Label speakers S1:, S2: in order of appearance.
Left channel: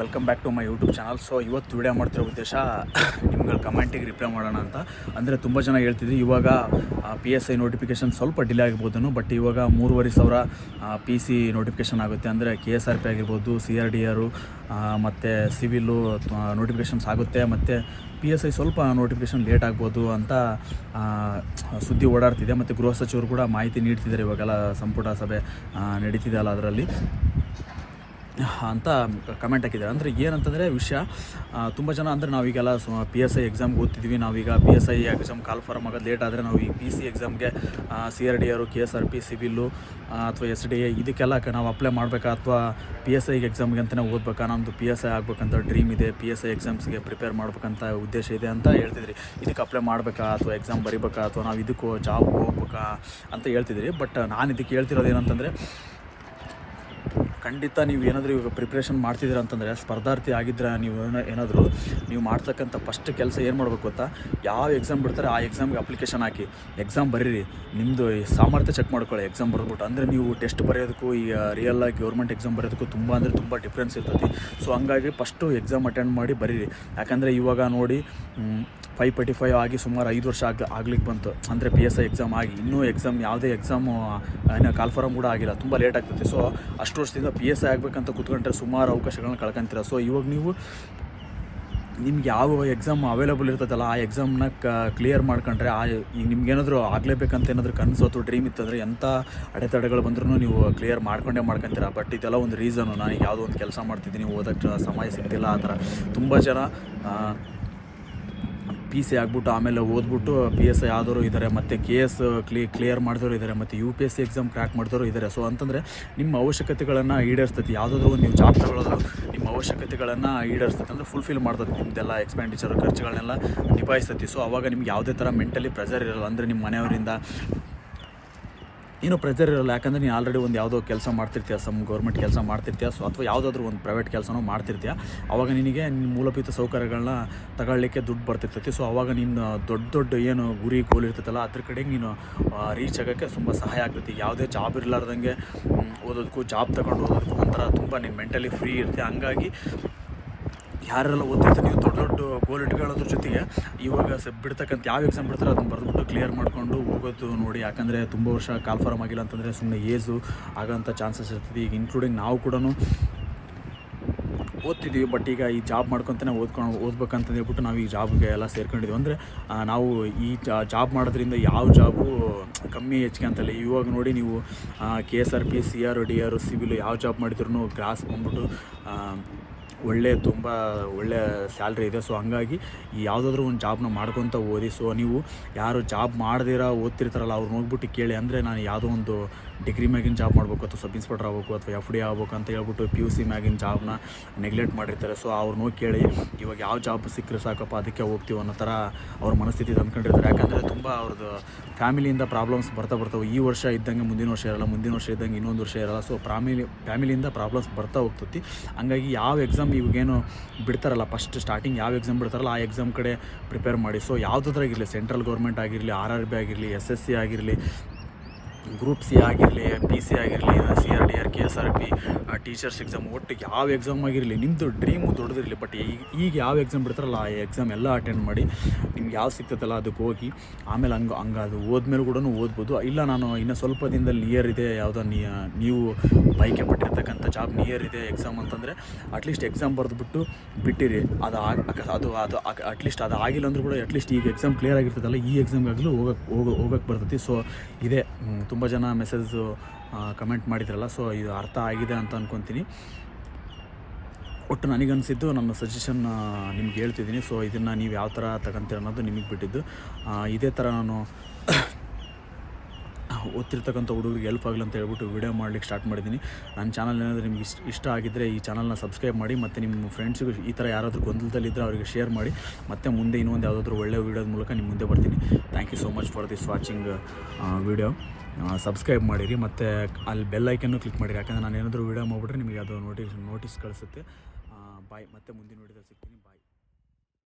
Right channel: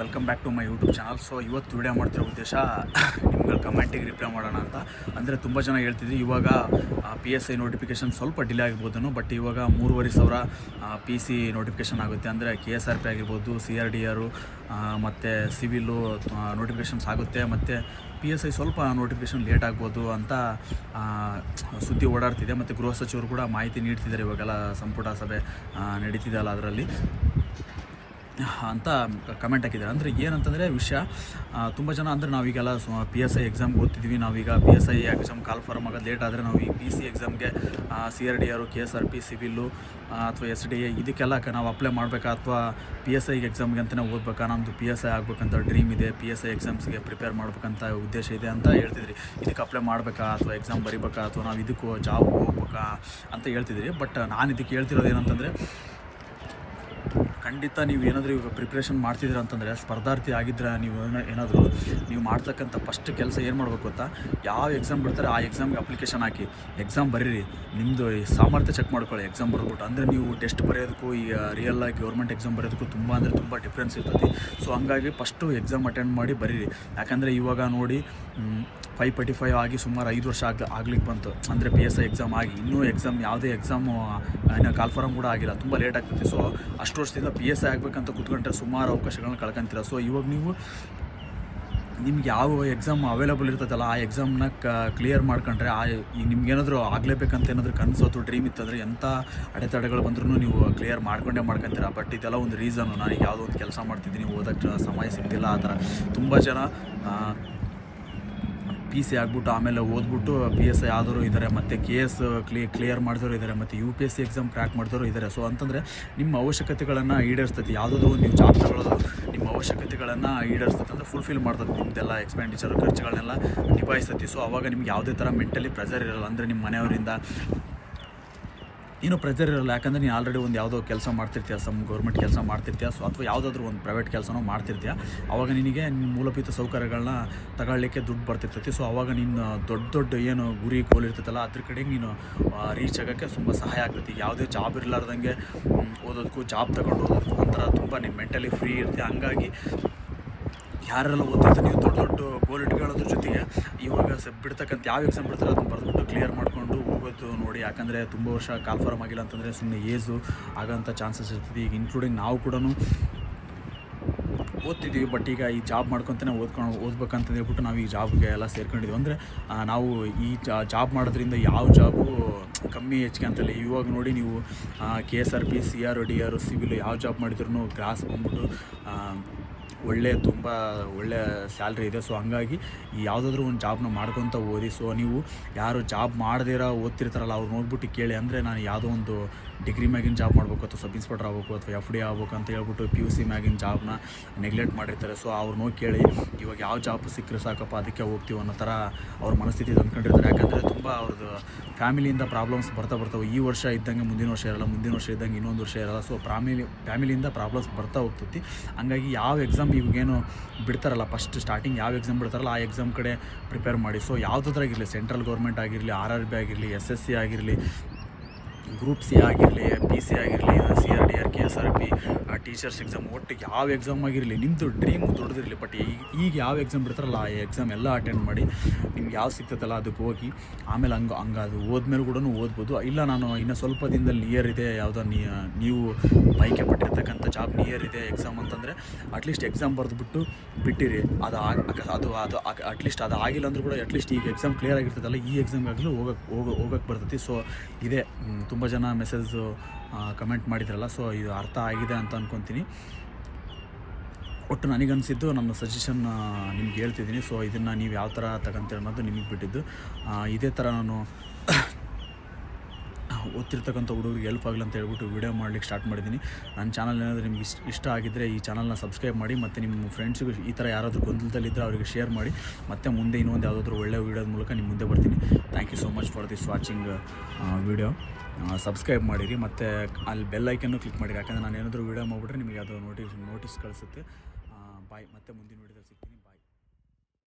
S1: Welcome back to my YouTube channel so ಇವತ್ತು video ಮಾಡ್ತಿರೋ ಉದ್ದೇಶ, ನಿಮ್ಗೆ ಕಮೆಂಟಿಗೆ ರಿಪ್ಲೈ ಮಾಡೋಣ ಅಂತ. ಅಂದರೆ ತುಂಬ ಜನ ಹೇಳ್ತಿದ್ವಿ ಇವಾಗ ಪಿ ಎಸ್ ಐ ನೋಟಿಫಿಕೇಶನ್ ಸ್ವಲ್ಪ ಡಿಲೇ ಆಗಿರ್ಬೋದು ಬಟ್ ಇವಾಗ ಮೂರುವರೆ ಸಾವಿರ ಪಿ ಸಿ ನೋಟಿಫಿಕೇಶನ್ ಆಗುತ್ತೆ. ಅಂದರೆ ಕೆ ಎಸ್ ಆರ್ ಪಿ ಆಗಿರ್ಬೋದು ಸಿ ಆರ್ ಡಿ ಆರು ಮತ್ತು ಸಿವಿಲು ನೋಟಿಫಿಕೇಶನ್ಸ್ ಆಗುತ್ತೆ. ಮತ್ತು ಪಿ ಎಸ್ ಐ ಸ್ವಲ್ಪ ನೋಟಿಫಿಕೇಷನ್ ಲೇಟ್ ಆಗ್ಬೋದು ಅಂತ ಸುದ್ದಿ ಓಡಾಡ್ತಿದೆ. ಮತ್ತು ಗೃಹ ಸಚಿವರು ಕೂಡ ಮಾಹಿತಿ ನೀಡ್ತಿದ್ದಾರೆ ಇವಾಗೆಲ್ಲ ಸಂಪುಟ ಸಭೆ ನಡೀತಿದೆ ಅಲ್ಲ ಅದರಲ್ಲಿ. ಅಂತ ಕಮೆಂಟ್ ಹಾಕಿದ್ದಾರೆ. ಅಂದರೆ ಏನಂತಂದರೆ ವಿಷಯ ತುಂಬ ಜನ ಅಂದರೆ ನಾವೀಗೆಲ್ಲ ಪಿ ಎಸ್ ಐ ಎಕ್ಸಾಮ್ ಓದ್ತಿದ್ವಿ. ನಾವೀಗ P S I exam call form ಆಗೋದು ಲೇಟ್ ಆದರೆ ನಾವು ಈ ಪಿ ಸಿ ಎಕ್ಸಾಮ್ಗೆ ಸಿ ಆರ್ ಡಿ ಅವರು K S R P civil ಅಥವಾ ಎಸ್ ಡಿ ಎ ಇದಕ್ಕೆಲ್ಲ ನಾವು ಅಪ್ಲೈ ಮಾಡಬೇಕಾ? ಅಥವಾ ಪಿ ಎಸ್ ಐ ಎಕ್ಸಾಮ್ಗೆ ಅಂತಲೇ ಓದ್ಬೇಕಾ? ನಮ್ಮದು ಪಿ ಎಸ್ ಐ ಆಗಬೇಕಂತ ಡ್ರೀಮ್ ಇದೆ. ಪಿ ಎಸ್ ಐ ಎಕ್ಸಾಮ್ಸ್ಗೆ ಪ್ರಿಪೇರ್ ಮಾಡ್ಬೇಕಂತ ಉದ್ದೇಶ ಇದೆ ಅಂತ ಹೇಳ್ತಿದ್ರಿ. ಇದಕ್ಕೆ ಅಪ್ಲೈ ಮಾಡಬೇಕಾ? ಅಥವಾ ಎಕ್ಸಾಮ್ ಬರಿಬೇಕಾ? ಅಥವಾ ನಾವು ಇದಕ್ಕೂ ಜಾಬ್ ಹೋಗ್ಬೇಕಾ? ಅಂತ ಹೇಳ್ತಿದ್ರಿ. ಬಟ್ ನಾನು ಇದಕ್ಕೆ ಹೇಳ್ತಿರೋದು ಏನಂತಂದರೆ ಖಂಡಿತ ನೀವು ಏನಾದರೂ ಪ್ರಿಪ್ರೇಷನ್ ಮಾಡ್ತಿದ್ದೀರ ಅಂತಂದರೆ ಸ್ಪರ್ಧಾರ್ಥಿ ಆಗಿದ್ದರೆ ನೀವು ಏನಾದರೂ ನೀವು ಮಾಡ್ತಕ್ಕಂಥ ಫಸ್ಟ್ ಕೆಲಸ ಏನು ಮಾಡ್ಬೇಕು ಗೊತ್ತಾ? ಯಾವ ಎಕ್ಸಾಮ್ ಬಿಡ್ತಾರೆ ಆ ಎಕ್ಸಾಮ್ಗೆ ಅಪ್ಲಿಕೇಶನ್ ಹಾಕಿ ಎಕ್ಸಾಮ್ ಬರೀರಿ. ನಿಮ್ಮದು ಸಾಮರ್ಥ್ಯ ಚೆಕ್ ಮಾಡ್ಕೊಳ್ಳಿ ಎಕ್ಸಾಮ್ ಬರೆದ್ಬಿಟ್ಟು. ಅಂದರೆ ನೀವು ಟೆಸ್ಟ್ ಬರೆಯೋದಕ್ಕೂ ಈ ರಿಯಲ್ ಆಗಿ ಗೌರ್ಮೆಂಟ್ ಎಕ್ಸಾಮ್ ಬರೆಯೋದಕ್ಕೂ ತುಂಬ ಅಂದರೆ ತುಂಬ ಡಿಫ್ರೆನ್ಸ್ ಇರ್ತೈತಿ. ಸೊ ಹಂಗಾಗಿ ಫಸ್ಟು ಎಕ್ಸಾಮ್ ಅಟೆಂಡ್ ಮಾಡಿ ಬರೀರಿ. ಯಾಕಂದರೆ ಇವಾಗ ನೋಡಿ ಫೈವ್ ಫೈರ್ಟಿ ಫೈವ್ ಆಗಿ ಸುಮಾರು ಐದು ವರ್ಷ ಆಗ ಆಗ್ಲಿಕ್ಕೆ ಬಂತು. ಅಂದರೆ ಪಿ ಎಸ್ ಐ ಎಕ್ಸಾಮ್ ಆಗಿ. ಇನ್ನೂ ಎಕ್ಸಾಮ್ ಯಾವುದೇ ಎಕ್ಸಾಮು ಏನೋ ಕಾಲ್ಫಾರಮ್ ಕೂಡ ಆಗಿಲ್ಲ. ತುಂಬ ಲೇಟ್ ಆಗ್ತೈತೆ. ಸೊ ಅಷ್ಟು ವರ್ಷದಿಂದ ಪಿ ಎಸ್ ಐ ಆಗಬೇಕಂತ ಕೂತ್ಕೊಂಡ್ರೆ ಸುಮಾರು ಅವಕಾಶಗಳನ್ನ ಕಳ್ಕೊಂತೀರ. ಸೊ ಇವಾಗ ನೀವು ನಿಮ್ಗೆ ಯಾವ ಎಕ್ಸಾಮ್ ಅವೈಲಬಲ್ ಇರ್ತದಲ್ಲ, ಆ ಎಕ್ಸಾಮ್ನ ಕ್ಲಿಯರ್ ಮಾಡ್ಕೊಂಡ್ರೆ ಆ ನಿಮ್ಗೇನಾದರೂ ಆಗಲೇಬೇಕಂತ ಏನಾದರೂ ಕನಸು ಅಥವಾ ಡ್ರೀಮ್ ಇತ್ತಂದರೆ ಎಂಥ ಅಡೆತಡೆಗಳು ಬಂದ್ರೂ ನೀವು ಕ್ಲಿಯರ್ ಮಾಡ್ಕೊಂಡೇ ಮಾಡ್ಕೊಂತೀರ. ಬಟ್ ಇದೆಲ್ಲ ಒಂದು ರೀಸನ್ ನಾನು ಯಾವುದೋ ಒಂದು ಕೆಲಸ ಮಾಡ್ತಿದ್ದೀನಿ, ಓದಕ್ಕೆ ಸಮಯ ಸಿಗ್ತಿಲ್ಲ ಆ ಥರ. ತುಂಬ ಜನ ಪಿ ಸಿ ಆಗ್ಬಿಟ್ಟು ಆಮೇಲೆ ಓದ್ಬಿಟ್ಟು ಪಿ ಎಸ್ ಐ ಆದವರು ಇದ್ದಾರೆ ಮತ್ತು ಕೆ ಎಸ್ ಕ್ಲಿ ಕ್ಲಿಯರ್ ಮಾಡಿದವರು ಇದ್ದಾರೆ ಮತ್ತು U P S C exam crack ಮಾಡಿದವರು ಇದ್ದಾರೆ ಸೊ ಅಂತಂದರೆ ನಿಮ್ಮ ಅವಶ್ಯಕತೆಗಳನ್ನು ಈಡೇರಿಸ್ತೈತಿ. ಯಾವುದಾದ್ರೂ ಒಂದು ನೀವು ಜಾಬ್ ನಿಮ್ಮ ಅವಶ್ಯಕತೆಗಳನ್ನು ಈಡೇರಿಸ್ತೈತೆ ಅಂದರೆ ಫುಲ್ಫಿಲ್ ಮಾಡ್ತದೆ ನಿಮ್ದೆಲ್ಲ ಎಕ್ಸ್ಪೆಂಡಿಚರ್ ಖರ್ಚುಗಳನ್ನೆಲ್ಲ ನಿಭಾಯಿಸ್ತೈತಿ. ಸೊ ಅವಾಗ ನಿಮ್ಗೆ ಯಾವುದೇ ಥರ ಮೆಂಟಲಿ ಪ್ರೆಸರ್ ಇರಲ್ಲ. ಅಂದರೆ ನಿಮ್ಮ ಮನೆಯವರಿಂದ ಏನೂ ಪ್ರೆಜರ್ ಇರೋಲ್ಲ. ಯಾಕಂದರೆ ನೀನು ಆಲ್ರೆಡಿ ಒಂದು ಯಾವುದೋ ಕೆಲಸ ಮಾಡ್ತಿರ್ತೀಯ ಸಮ್ ಗೌರ್ಮೆಂಟ್ ಕೆಲಸ ಮಾಡ್ತಿರ್ತೀಯ ಸೊ ಅಥವಾ ಯಾವುದಾದ್ರೂ ಒಂದು ಪ್ರೈವೇಟ್ ಕೆಲಸನೂ ಮಾಡ್ತಿರ್ತೀಯ. ಅವಾಗ ನಿನಗೆ ಮೂಲಭೂತ ಸೌಕರ್ಯಗಳನ್ನ ತಗೊಳ್ಳಿಕ್ಕೆ ದುಡ್ಡು ಬರ್ತಿರ್ತೈತಿ. ಸೊ ಅವಾಗ ನಿನ್ನ ದೊಡ್ಡ ದೊಡ್ಡ ಏನು ಗುರಿ ಗೋಲ್ ಇರ್ತೈತಲ್ಲ, ಅದ್ರ ಕಡೆಗೆ ನೀನು ರೀಚ್ ಆಗೋಕ್ಕೆ ತುಂಬ ಸಹಾಯ ಆಗ್ತೈತಿ. ಯಾವುದೇ ಜಾಬ್ ಇರಲಾರ್ದಂಗೆ ಓದೋದಕ್ಕೂ ಜಾಬ್ ತಗೊಂಡು ಹೋಗೋದಕ್ಕೂ ಒಂಥರ ತುಂಬ ನೀನು ಮೆಂಟಲಿ ಫ್ರೀ ಇರ್ತೀಯ. ಹಂಗಾಗಿ ಯಾರೆಲ್ಲ ಓದ್ತಿರ್ತೀನಿ ದೊಡ್ಡ ದೊಡ್ಡ ಗೋಲ್ ಇಟ್ಕೊಳ್ಳೋದ್ರ ಜೊತೆಗೆ ಇವಾಗ ಸ ಬಿಡ್ತಕ್ಕಂಥ ಯಾವ ಎಕ್ಸಾಮ್ ಬಿಡ್ತಾರೆ ಅದನ್ನು ಕ್ಲಿಯರ್ ಮಾಡಿಕೊಂಡು ಇವತ್ತು ನೋಡಿ. ಯಾಕಂದರೆ ತುಂಬ ವರ್ಷ ಕನ್ಫರ್ಮ್ ಆಗಿಲ್ಲ ಅಂತಂದರೆ ಸುಮ್ಮನೆ ಏಜು ಆಗೋಂಥ ಚಾನ್ಸಸ್ ಇರ್ತದೆ. ಈಗ ಇನ್ಕ್ಲೂಡಿಂಗ್ ನಾವು ಕೂಡ ಓದ್ತಿದ್ದೀವಿ ಬಟ್ ಈಗ ಈ ಜಾಬ್ ಮಾಡ್ಕೊತಾನೆ ಓದ್ಕೊಂಡು ಓದ್ಬೇಕಂತ ಹೇಳ್ಬಿಟ್ಟು ನಾವು ಈ ಜಾಬ್ಗೆ ಎಲ್ಲ ಸೇರ್ಕೊಂಡಿದ್ವಿ. ಅಂದರೆ ನಾವು ಈ ಜಾಬ್ ಮಾಡೋದ್ರಿಂದ ಯಾವ ಜಾಬು ಕಮ್ಮಿ ಹೆಚ್ಚಿಗೆ ಅಂತಲ್ಲ. ಇವಾಗ ನೋಡಿ ನೀವು K S R P C R D R civil ಯಾವ ಜಾಬ್ ಮಾಡಿದ್ರು ಗ್ರಾಸ್ ಬಂದ್ಬಿಟ್ಟು ಒಳ್ಳೆ ತುಂಬ ಒಳ್ಳೆ ಸ್ಯಾಲ್ರಿ ಇದೆ. ಸೊ ಹಂಗಾಗಿ ಯಾವುದಾದ್ರೂ ಒಂದು ಜಾಬ್ನ ಮಾಡ್ಕೊತ ಓದಿ ಸೊ ನೀವು ಯಾರು ಜಾಬ್ ಮಾಡದಿರ, ಓದ್ತಿರ್ತಾರಲ್ಲ, ಅವ್ರು ನೋಡ್ಬಿಟ್ಟು ಕೇಳಿ. ಅಂದರೆ ನಾನು ಯಾವುದೋ ಒಂದು ಡಿಗ್ರಿ ಮ್ಯಾಗಿನ ಜಾಬ್ ಮಾಡಬೇಕು ಅಥವಾ ಸಬ್ ಇನ್ಸ್ಪೆಕ್ಟರ್ ಆಗಬೇಕು ಅಥವಾ ಎಫ್ ಡಿ ಆಗಬೇಕು ಅಂತ ಹೇಳ್ಬಿಟ್ಟು ಪಿ ಯು ಸಿ ಮ್ಯಾಗಿನ ಜಾಬ್ನ ನೆಗ್ಲೆಕ್ಟ್ ಮಾಡಿರ್ತಾರೆ. ಸೊ ಅವ್ರು ನೋಡಿ ಕೇಳಿ, ಇವಾಗ ಯಾವ ಜಾಬ್ ಸಿಕ್ಕರೆ ಸಾಕಪ್ಪ, ಅದಕ್ಕೆ ಹೋಗ್ತೀವಿ ಅನ್ನೋ ಥರ ಅವ್ರ ಮನಸ್ಥಿತಿ ಅಂದ್ಕೊಂಡಿರ್ತಾರೆ ಯಾಕಂದರೆ ತುಂಬ ಅವ್ರದ್ದು ಫ್ಯಾಮಿಲಿಯಿಂದ ಪ್ರಾಬ್ಲಮ್ಸ್ ಬರ್ತಾ ಬರ್ತಾವೆ ಈ ವರ್ಷ ಇದ್ದಂಗೆ ಮುಂದಿನ ವರ್ಷ ಇರಲ್ಲ, ಮುಂದಿನ ವರ್ಷ ಇದ್ದಂಗೆ ಇನ್ನೊಂದು ವರ್ಷ ಇರಲ್ಲ. ಸೊ ಫ್ಯಾಮಿಲಿ ಫ್ಯಾಮಿಲಿಯಿಂದ ಪ್ರಾಬ್ಲಮ್ಸ್ ಬರ್ತಾ ಹೋಗ್ತೈತಿ. ಹಂಗಾಗಿ ಯಾವ ಎಕ್ಸಾಮ್ ಇವಾಗೇನು ಬಿಡ್ತಾರಲ್ಲ ಫಸ್ಟ್ ಸ್ಟಾರ್ಟಿಂಗ್ ಯಾವ ಎಕ್ಸಾಮ್ ಬಿಡ್ತಾರಲ್ಲ, ಆ ಎಕ್ಸಾಮ್ ಕಡೆ ಪ್ರಿಪೇರ್ ಮಾಡಿ. ಸೊ ಇರಲಿ ಸೆಂಟ್ರಲ್ ಗೌರ್ಮೆಂಟ್ ಆಗಿರಲಿ ಆರ್ ಆರ್ ಬಿ ಆಗಿರಲಿ ಎಸ್ ಎಸ್ ಸಿ ಆಗಿರಲಿ ಗ್ರೂಪ್ ಸಿ ಆಗಿರಲಿ ಪಿ ಸಿ ಆಗಿರಲಿ C R D R K S R P teachers exam ಒಟ್ಟಿಗೆ ಯಾವ ಎಕ್ಸಾಮ್ ಆಗಿರಲಿ ನಿಮ್ಮದು ಡ್ರೀಮ್ ದೊಡ್ಡದಿರಲಿ ಬಟ್ ಈಗ ಯಾವ ಎಕ್ಸಾಮ್ ಬಿಡ್ತಾರಲ್ಲ ಆ ಎಕ್ಸಾಮ್ ಎಲ್ಲ ಅಟೆಂಡ್ ಮಾಡಿ ನಿಮ್ಗೆ ಯಾವ ಸಿಗ್ತೈತಲ್ಲ, ಅದಕ್ಕೆ ಹೋಗಿ, ಆಮೇಲೆ ಹಂಗೆ ಹಂಗೆ ಅದು ಹೋದ್ಮೇಲೆ ಕೂಡ ಓದ್ಬೋದು. ಇಲ್ಲ ನಾನು ಇನ್ನು ಸ್ವಲ್ಪ ದಿನದಲ್ಲಿ ನಿಯರ್ ಇದೆ, ಯಾವುದೋ ನೀವು ಆಯ್ಕೆ ಪಟ್ಟಿರ್ತಕ್ಕಂಥ ಜಾಬ್ ನಿಯರ್ ಇದೆ ಎಕ್ಸಾಮ್ ಅಂತಂದರೆ ಅಟ್ಲೀಸ್ಟ್ ಎಕ್ಸಾಮ್ ಬರೆದ್ಬಿಟ್ಟು ಬಿಟ್ಟಿರಿ. ಅದು ಅದು ಅದು ಅಟ್ಲೀಸ್ಟ್ ಅದು ಆಗಿಲ್ಲ ಅಂದ್ರೂ ಕೂಡ ಅಟ್ಲೀಸ್ಟ್ ಈಗ ಎಕ್ಸಾಮ್ ಕ್ಲಿಯರ್ ಆಗಿರ್ತದಲ್ಲ, ಈ ಎಕ್ಸಾಮ್ ಆಗಲೂ ಹೋಗಕ್ಕೆ ಹೋಗ ಹೋಗಕ್ಕೆ ಬರ್ತೈತಿ. ಸೊ ಇದೆ ತುಂಬ ಜನ ಮೆಸೇಜು ಕಮೆಂಟ್ ಮಾಡಿದ್ರಲ್ಲ ಸೊ ಇದು ಅರ್ಥ ಆಗಿದೆ ಅಂತ ಅಂದ್ಕೊತೀನಿ ಒಟ್ಟು ನನಗನ್ಸಿದ್ದು ನನ್ನ ಸಜೆಷನ್ ನಿಮ್ಗೆ ಹೇಳ್ತಿದ್ದೀನಿ. ಸೊ ಇದನ್ನು ನೀವು ಯಾವ ಥರ ತಗೊಂತೀರ ಅನ್ನೋದು ನಿಮಗೆ ಬಿಟ್ಟಿದ್ದು. ಇದೇ ಥರ ನಾನು ಓದ್ತಿರ್ತಕ್ಕಂಥ ಹುಡುಗರಿಗೆ ಹೆಲ್ಪ್ ಆಗಲಿ ಅಂತ ಹೇಳ್ಬಿಟ್ಟು ವೀಡಿಯೋ ಮಾಡ್ಲಿಕ್ಕೆ ಸ್ಟಾರ್ಟ್ ಮಾಡಿದ್ದೀನಿ. ನನ್ನ ಚಾನಲ್ ಏನಾದರೂ ನಿಮ್ಗೆ ಇಷ್ಟ ಇಷ್ಟ ಆಗಿದ್ದರೆ ಈ ಚಾನಲ್ನ ಸಬ್ಸ್ಕ್ರೈಬ್ ಮಾಡಿ, ಮತ್ತು ನಿಮ್ಮ ಫ್ರೆಂಡ್ಸಿಗೂ ಈ ಥರ ಯಾರಾದರೂ ಗೊಂದಲದಲ್ಲಿದ್ದರೆ ಅವರಿಗೆ ಶೇರ್ ಮಾಡಿ, ಮತ್ತು ಮುಂದೆ ಇನ್ನೊಂದು ಯಾವುದಾದ್ರೂ ಒಳ್ಳೆಯ ವೀಡಿಯೋದ ಮೂಲಕ ನಿಮ್ಮ ಮುಂದೆ ಬರ್ತೀನಿ. Thank you so much for this watching video subscribe ಮಾಡಿರಿ ಮತ್ತು ಅಲ್ಲಿ ಬೆಲ್ ಐಕನ್ನು ಕ್ಲಿಕ್ ಮಾಡಿರಿ. ಯಾಕಂದರೆ ನಾನು ಏನಾದರೂ ವೀಡಿಯೋ ಮಾಡಿಬಿಟ್ರೆ ನಿಮಗೆ ಅದು ನೋಟಿಸ್ ನೋಟಿಸ್ ಕಳಿಸುತ್ತೆ. ಬಾಯ್ ಮತ್ತೆ ಮುಂದಿನ